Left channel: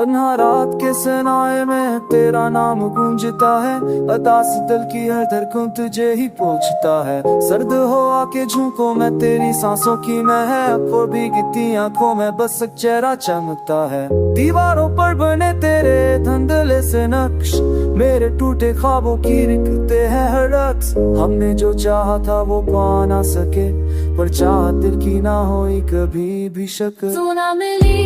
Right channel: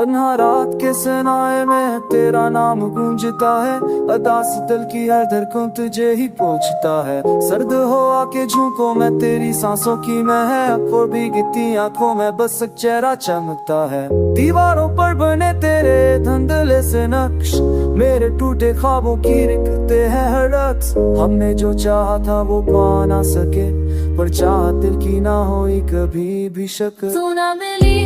तन्हा रात के सनाए में तेरा नाम गूंजता है, अदास दिल की हर धड़कन तुझे ही पूछता है। सर्द हो आके झोंको मैं तेरी सांसों की महक, और भीगती आंखों में बस एक चेहरा चमकता है। दीवारों पर बने तेरे धुंधले से नक्श, मेरे टूटे ख्वाबों की लिखते हैं हर अक्स। हमने जो चाहा था वो पा ना सके, पर चाहत दिल की ना होई कभी भी शक। तू ना मिली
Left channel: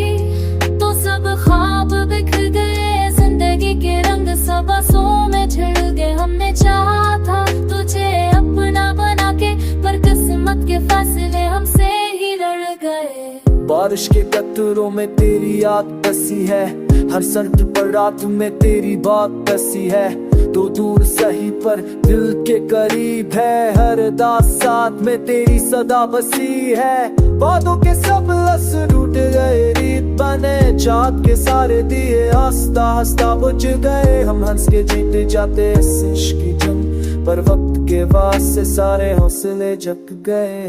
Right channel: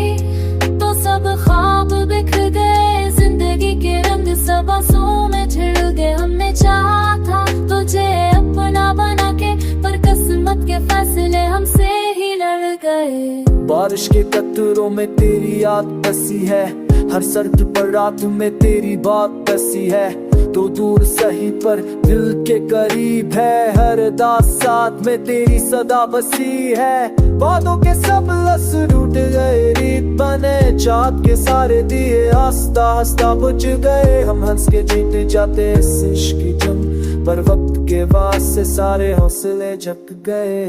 तो सब ख्वाब बिखर गए, जिंदगी के रंग सब आंसुओं में छिड़ गए। हमने चाहा था तुझे अपना बना के, पर किस्मत के फैसले हमसे ही लड़ गए। बारिश के कतरों में तेरी याद बसी है, हर सर्द पर रात में तेरी बात बसी है। तो दूर सही पर दिल के करीब है, हर दास साथ में तेरी सदा बसी है। बातों के सब लस टूट गए, रीत बने चाँद के सारे दिए हंसता हंसता बुझ गए। हम हंस के जीते जाते इस इश्क की जंग, पर वक्त के वास्ते सारे हौसले जग गए।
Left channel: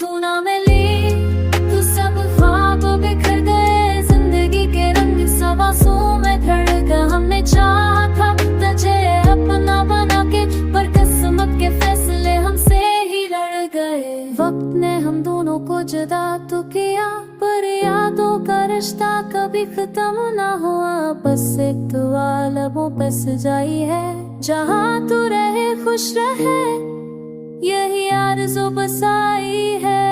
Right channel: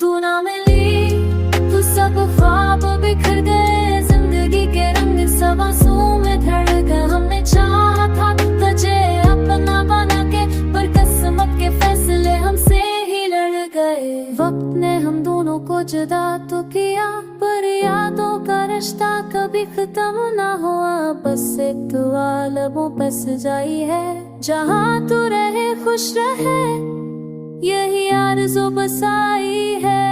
तू ना मिली तो सब ख्वाब बिखर गए, जिंदगी के रंग सब आंसुओं में ढल गए। हमने चाहा था तुझे अपना बना के, पर किस्मत के फैसले हमसे ही लड़ गए। वक्त ने हम दोनों को जुदा तो किया, पर यादों का रिश्ता कभी खत्म ना हुआ। बस एक दुआ लबों पे सजाई है, जहाँ तू रहे खुश रहे, यही आरज़ू बसाई है।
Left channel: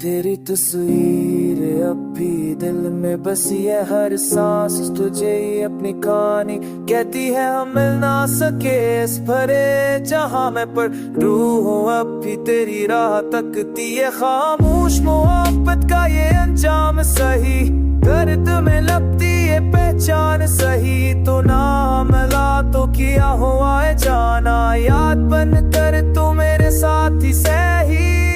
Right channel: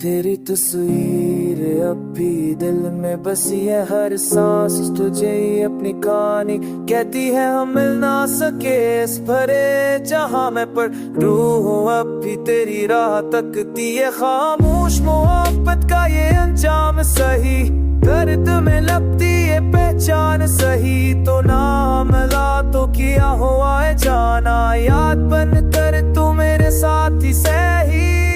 तेरी तस्वीर अब भी दिल में बसी है, हर सांस तुझे ही अपनी कहानी कहती है। हम मिल ना सके इस भरे जहां में, पर रूह अब भी तेरी राह तकती है। खामोश मोहब्बत का ये अंजाम सही, दर्द में लगती है पहचान सही। तो ना मिला तो किया हुआ है जाना, याद बन कर तू मेरे साथ ही सही।